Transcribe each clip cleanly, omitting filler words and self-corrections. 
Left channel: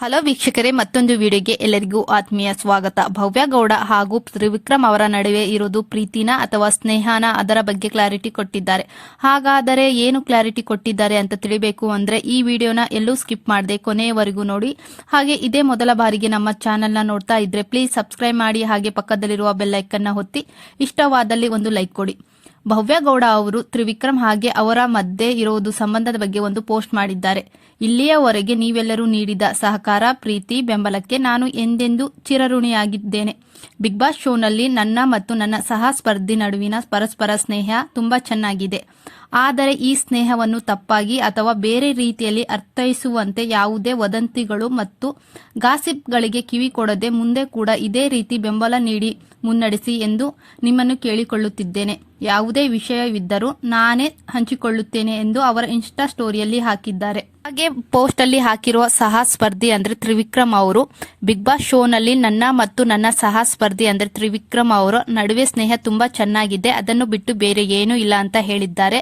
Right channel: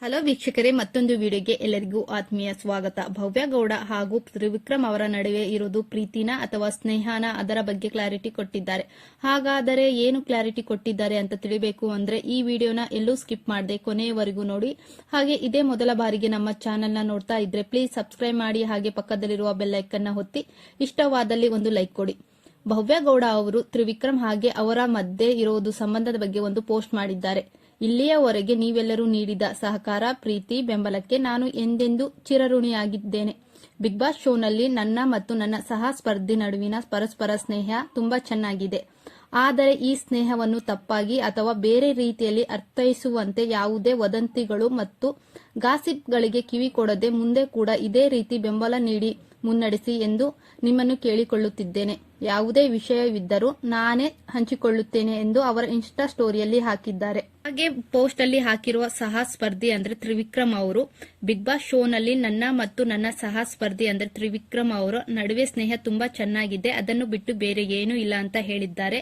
Hello ವೀಕ್ಷಕರೇ, ಮತ್ತೊಂದು ವಿಡಿಯೋಗೆ ಎಲ್ಲರಿಗೂ ಆತ್ಮೀಯ ಸ್ವಾಗತ. ಭವ್ಯ ಗೌಡ ಹಾಗೂ ತ್ರಿವಿಕ್ರಮ್ ಅವರ ನಡುವೆ ಇರೋದು ಪ್ರೀತಿನ ಅಥವಾ ಸ್ನೇಹನ, ಅದರ ಬಗ್ಗೆ ಕ್ಲಾರಿಟಿ ಕೊಟ್ಟಿದ್ದಾರೆ. ಹಾಗಾದರೆ ಏನು ಕ್ಲಾರಿಟಿ ಕೊಟ್ಟಿದ್ದಾರೆ ಅಂತ ತಿಳಿಬೇಕು ಅಂದ್ರೆ ಈ ವಿಡಿಯೋನ ಎಲ್ಲೂ ಸ್ಕಿಪ್ ಮಾಡದೆ ಕೊನೆಯವರೆಗೂ ನೋಡಿ. ಹಾಗೆ ಇದೇ ಮೊದಲ ಬಾರಿಗೆ ನಮ್ಮ ಚಾನೆಲ್ನ ನೋಡ್ತಾ ಇದ್ರೆ ಪ್ಲೀಸ್ ಸಬ್ಸ್ಕ್ರೈಬ್ ಮಾಡಿ, ಹಾಗೆ ಪಕ್ಕದಲ್ಲಿರುವ ಬೆಲ್ ಐಕನ್ನ ಒತ್ತಿ, ಇಷ್ಟವಾದಲ್ಲಿ ಒಂದು ಲೈಕ್ ಕೊಡಿ. ಭವ್ಯ ಗೌಡ ಅವರು ತ್ರಿವಿಕ್ರಮ್ ಹಾಗೆ ಅವರ ಮಧ್ಯೆ ಇರೋದು ಸಂಬಂಧದ ಬಗ್ಗೆ ಒಂದು ಪೋಸ್ಟ್ ಮಾಡಿದ್ದಾರೆ. ಇಲ್ಲಿಯವರೆಗೆ ನೀವೆಲ್ಲರೂ ನೀಡಿದ ಸಹಕಾರ, ಪ್ರೀತಿ, ಬೆಂಬಲಕ್ಕೆ ನಾನು ಎಂದೆಂದೂ ಚಿರಋಣಿಯಾಗಿದ್ದೇನೆ. ಬಿಗ್ ಬಾಸ್ ಶೋನಲ್ಲಿ ನನ್ನ ಮತ್ತು ನನ್ನ ಸಹ ಸ್ಪರ್ಧಿ ನಡುವಿನ ಪರಸ್ಪರ ಸ್ನೇಹ ತುಂಬಾ ಚೆನ್ನಾಗಿದೆ. ಆದರೆ ಈ ಸ್ನೇಹವನ್ನು ತಪ್ಪಾಗಿ ಅಥವಾ ಬೇರೆ ರೀತಿಯಲ್ಲಿ ಅರ್ಥೈಸುವಂತೆ ಯಾವುದೇ ವದಂತಿಗಳು ಮತ್ತು ಗಾಸಿಪ್ಗಳಿಗೆ ಕಿವಿ ಕೊಡದೆ ಮುಂದೆ ಕೂಡ ಇದೇ ರೀತಿ ಬೆಂಬಲ ನೀಡಿ ಮುನ್ನಡೆಸಿ ಎಂದು ನಿಮ್ಮನ್ನು ಕೇಳಿಕೊಳ್ಳುತ್ತಿದ್ದೇನೆ. ಯಾವುದೇ ವಿಷಯವಿದ್ದರೂ ನಾನೇ ಹಂಚಿಕೊಳ್ಳುತ್ತೇನೆ ಎಂದು ಅವರ ಇನ್ಸ್ಟಾ ಸ್ಟೋರಿಯಲ್ಲಿ ಹಾಕಿದ್ದಾರೆ. ಹಾಗೆ ಪೋಸ್ಟ್ ಅಲ್ಲಿ ಹಾಕಿರುವ ಸಹ ಸ್ಪರ್ಧಿ ಅಂದ್ರೆ ತ್ರಿವಿಕ್ರಮ್ ಅವರು, ಬಿಗ್ ಬಾಸ್ ಶೋನಲ್ಲಿ ನನ್ನ ಮತ್ತು ನನ್ನ ಸಹ ಸ್ಪರ್ಧಿ ಅಂದ್ರೆ ತ್ರಿವಿಕ್ರಮ್ ಅವರ ನಡುವೆ ಸ್ನೇಹ ತುಂಬಾ ಚೆನ್ನಾಗಿದೆ, ಅದನ್ನು ಬಿಟ್ಟು ಬೇರೆ ಏನೂ ಇಲ್ಲ ಅಂತ ಹೇಳಿದ್ದಾರೆ.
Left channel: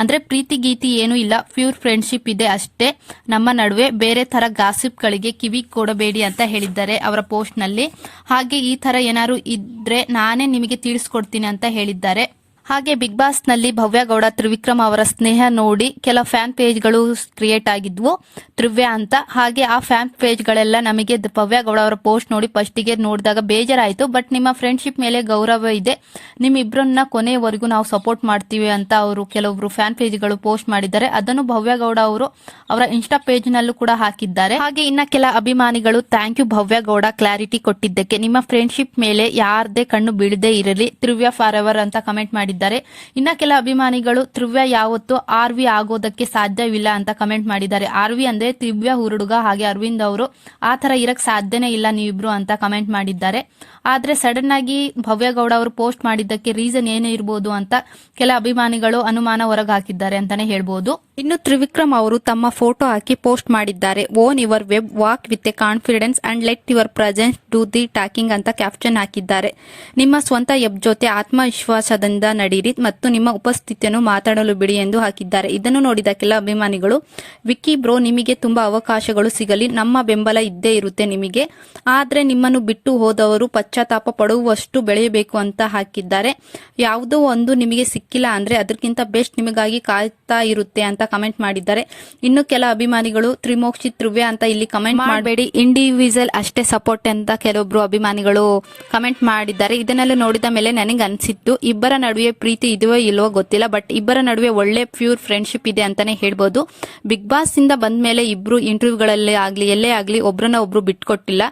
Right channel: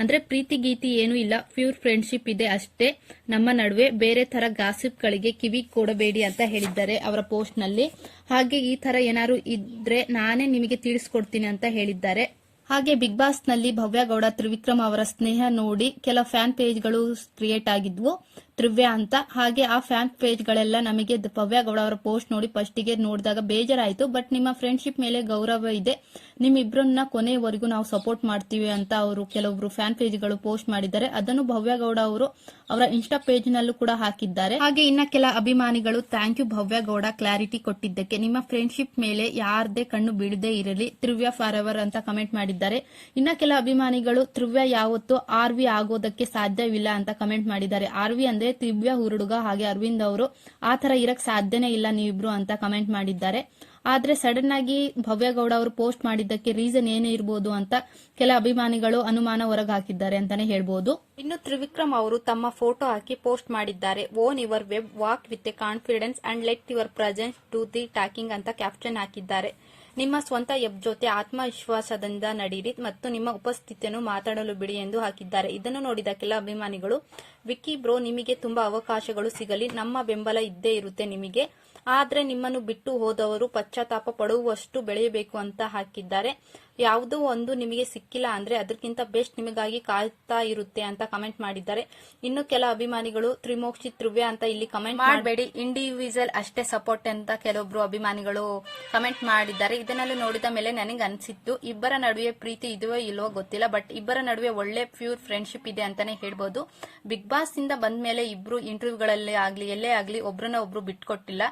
ಅಂದ್ರೆ ಪ್ರೀತಿ ಗೀತಿ ಏನೂ ಇಲ್ಲ, ಪ್ಯೂರ್ ಫ್ರೆಂಡ್ಶಿಪ್ ಇದೆ ಅಷ್ಟೇ ನಮ್ಮ ನಡುವೆ, ಬೇರೆ ತರ ಗಾಸಿಪ್ ಗಳಿಗೆ ಕಿವಿ ಕೊಡಬೇಡಿ ಅಂತ ಹೇಳಿದ್ದಾರೆ ಅವರ ಪೋಸ್ಟ್ ನಲ್ಲಿ. ಹಾಗೆ ಈ ತರ ಏನಾದ್ರು ಇದ್ರೆ ನಾನೇ ನಿಮಗೆ ತಿಳಿಸ್ಕೊಡ್ತೀನಿ ಅಂತ ಹೇಳಿದ್ದಾರೆ. ಹಾಗೆ ಬಿಗ್ ಬಾಸ್ ನಲ್ಲಿ ಭವ್ಯ ಗೌಡ ತ್ರಿವಿಕ್ರಮ್ ಅವರ ಸ್ನೇಹ ನೋಡಿ ಕೆಲ ಫ್ಯಾನ್ ಪೇಜ್ಗಳು ಕ್ರಿಯೇಟ್ ಆಗಿದ್ವು, ತ್ರಿವ್ಯ ಅಂತ. ಹಾಗೆ ಆ ಫ್ಯಾನ್ ಪೇಜ್ಗಳೆಲ್ಲ ನಮಗೆ ಭವ್ಯ ಗೌಡ ಅವರ ಪೋಸ್ಟ್ ನೋಡಿ ಫಸ್ಟಿಗೆ ನೋಡಿದಾಗ ಬೇಜಾರಾಯಿತು. ಬಟ್ ನಿಮ್ಮ ಫ್ರೆಂಡ್ಶಿಪ್ ಮೇಲೆ ಗೌರವ ಇದೆ, ನಿಮ್ಮಿಬ್ಬರನ್ನ ಕೊನೆಯವರೆಗೂ ನಾವು ಸಪೋರ್ಟ್ ಮಾಡ್ತೀವಿ ಅಂತ ಅವರು ಕೆಲವೊಬ್ರು ಫ್ಯಾನ್ ಪೇಜ್ಗಳು ಪೋಸ್ಟ್ ಮಾಡಿದ್ದಾರೆ. ಅದನ್ನು ಭವ್ಯ ಗೌಡ ಅವರು ಅವರ ಇನ್ಸ್ಟಾ ಪೇಜ್ ನಲ್ಲೂ ಕೂಡ ಹಾಕಿದ್ದಾರೆ. ಹಾಗೆ ಇನ್ನ ಕೆಲ ಅಭಿಮಾನಿಗಳು thank you Bhavya Gowda clarity ಕೊಟ್ಟಿದ್ದಕ್ಕೆ, ನಿಮ್ಮ ಫ್ರೆಂಡ್ಶಿಪ್ ಮೇಲೆ ಯಾರದೇ ಕಣ್ಣು ಬೀಳದೇ ಇರಲಿ, ತ್ರಿವ್ಯ ಫಾರ್ ಎವರ್ ಅಂತ ಕಮೆಂಟ್ ಮಾಡಿದ್ದಾರೆ. ಇನ್ನ ಕೆಲ ಅಭಿಮಾನಿಗಳು ತ್ರಿವ್ಯ ಯಾವತ್ತೂ ಆರ್ವಿ ಆಗೋದಕ್ಕೆ ಸಾಧ್ಯವಿಲ್ಲ ಅಂತ ಕಮೆಂಟ್ ಮಾಡಿದ್ದಾರೆ. ಆರ್ವಿ ಅಂದ್ರೆ ತ್ರಿವ್ಯ ಹುಡುಗ, ಹಾಗೆ ಅರವಿಂದ್ ಅವರು ಆ ತರ ಇರಕ್ ಸಾಧ್ಯನೇ ಇಲ್ಲ ನೀವಿಬ್ರು ಅಂತ ಕಮೆಂಟ್ ಮಾಡಿದ್ದಾರೆ. ಆದ್ರೆ ಸಡನ್ ಆಗಿ ಭವ್ಯ ಗೌಡ ಅವರು ಪೋಸ್ಟ್ ಮಾಡಿದ್ದಕ್ಕೆ ರೀಸನ್ ಏನು ಇರಬಹುದು ಅಂತ ಕೆಲ ಅಭಿಮಾನಿಗಳು ಅನುಮಾನ ಹೊರಗೆ ಹಾಕಿದ್ದಾರೆ ಅಂತಾನೆ ಹೇಳ್ಬೋದು. ಇನ್ನು ತ್ರಿವಿಕ್ರಮ್ ಅವರು ತಮ್ಮ ಫೋಟೋ ಹಾಕಿ ಪೋಸ್ಟ್ ಮಾಡಿದ್ದಾರೆ. Own your web, walk with A confidence and let your presence do the talking ಅಂತ ಕ್ಯಾಪ್ಷನ್ ಹಾಕಿದ್ದಾರೆ. ನಿಮ್ಮ ಸ್ವಂತ ವೆಬ್ ಜೊತೆ ಆತ್ಮವಿಶ್ವಾಸದಿಂದ ನಡೀರಿ ಮತ್ತು ನಿಮ್ಮ ಉಪಸ್ಥಿತಿಯನ್ನು ಮಾತಾಡಲು ಬಿಡಿ ಎಂದು ಹಾಕಿದ್ದಾರೆ. ಇದನ್ನು ನೋಡಿದ ಕೆಲ ಅಭಿಮಾನಿಗಳು, ವಿಕ್ಕಿ ಬ್ರೋ ನಿಮಗೆ ತುಂಬಾ ಅವಕಾಶಗಳು ಸಿಗಲಿ, ನಮ್ಮ ಬೆಂಬಲ ಇದ್ದೇ ಇರುತ್ತೆ ನಿಮಗೆ, ಆದ್ರೆ ನಿಮ್ಮನ್ನು ಬಿಟ್ಟು ಹೋದವರು ಪಶ್ಚಾತ್ತಾಪ ಪಡುವಷ್ಟು ಬೆಳೆಯಬೇಕು ಅಂತ ಹಾಕಿದ್ದಾರೆ. ಯಾವುದೋ ಒಂದು ನಿಮಗೆ ಸಿಕ್ಕಿಲ್ಲ ಅಂದ್ರೆ ಅದಕ್ಕಿಂತ ಬೆಸ್ಟ್ ನಿಮಗಾಗಿ ಕಾಯ್ತಾ ಇರುತ್ತೆ ಅಂತ ಕಮೆಂಟ್ ಮಾಡಿದ್ದಾರೆ. ಇನ್ನು ಕೆಲ ಅಭಿಮಾನಿಗಳು ತ್ರಿಮೋಕ್ಷಿ ತ್ರಿವ್ಯ ಅಂತ ಇಲ್ಲಿ ಕಮೆಂಟ್ ಮಾಡಬೇಡಿ, ಇಂಡಿವಿಜುವಲ್ ಅಷ್ಟೇ ಸಪೋರ್ಟ್ ಅಂತ ಕೆಲವೊಬ್ರು ಅಭಿಮಾನಿಗಳು ಕಮೆಂಟ್ ಮಾಡಿದ್ದಾರೆ. ಇದನ್ನೆಲ್ಲ ನೋಡಿದ ಮೇಲೆ ನನಗೆ ಅನ್ಸಿತ್ತು ಇಬ್ಬರ ನಡುವೆ ಪ್ರೀತಿ ಇದೆಯೋ ಇಲ್ವೋ ಗೊತ್ತಿಲ್ಲ, ಬಟ್ ಇಬ್ಬರ ನಡುವೆ ಒಳ್ಳೆ ಪ್ಯೂರ್ ಫ್ರೆಂಡ್ಶಿಪ್ ಇದೆ ಅಂತಾನೆ ಹೇಳ್ಬೋದು. ಬಿಗ್ ಬಾಸ್ ಇಂದ ಬಂದ ಮೇಲೆ ಇಬ್ರು ಇಂಟರ್ವ್ಯೂಗಳಲ್ಲಿ ಆಗ್ಲಿ ಎಲ್ಲೇ ಆಗ್ಲಿ ಒಬ್ರನ್ನ ಒಬ್ರು ಬಿಟ್ಕೊಟ್ಟಿಲ್ಲ.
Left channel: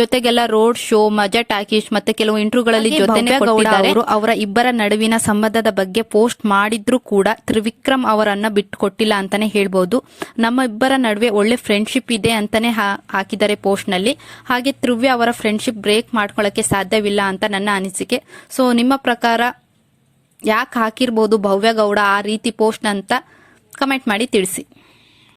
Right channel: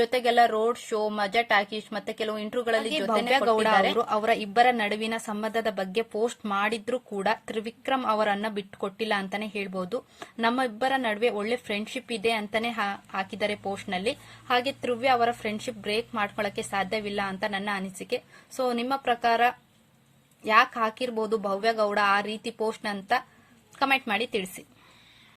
ಜೊತೆಗೆಲ್ಲ ರೋಡ್ ಶೋ, ಮಜಾ ಟಾಕೀಸ್ ಮತ್ತೆ ಕೆಲವು ಇಂಟರ್ವ್ಯೂಗಳಲ್ಲಿ ಜೊತೆನೆ ಕೊಟ್ಟಿದ್ದಾರೆ. ಅವರ ಇಬ್ಬರ ನಡುವಿನ ಸಂಬಂಧದ ಬಗ್ಗೆ ಪೋಸ್ಟ್ ಮಾಡಿದ್ರು ಕೂಡ ತ್ರಿವಿಕ್ರಮ್ ಅವರನ್ನ ಬಿಟ್ಕೊಟ್ಟಿಲ್ಲ ಅಂತಾನೆ ಹೇಳ್ಬೋದು. ನಮ್ಮ ಇಬ್ಬರ ನಡುವೆ ಒಳ್ಳೆ ಫ್ರೆಂಡ್ಶಿಪ್ ಇದೆ ಅಂತಾನೆ ಹಾಕಿದ್ದಾರೆ ಪೋಸ್ಟ್ ನಲ್ಲಿ. ಹಾಗೆ ತ್ರಿವ್ಯ ಅವರ ಫ್ರೆಂಡ್ಶಿಪ್ ಬ್ರೇಕ್ ಮಾಡ್ಕೊಳ್ಳಕ್ಕೆ ಸಾಧ್ಯವಿಲ್ಲ ಅಂತ ನನ್ನ ಅನಿಸಿಕೆ. ಸೊ ನಿಮ್ಮ ಪ್ರಕಾರ ಯಾಕೆ ಹಾಕಿರ್ಬೋದು ಭವ್ಯ ಗೌಡ ಆ ರೀತಿ ಪೋಸ್ಟ್ ಅಂತ ಕಮೆಂಟ್ ಮಾಡಿ ತಿಳಿಸಿ.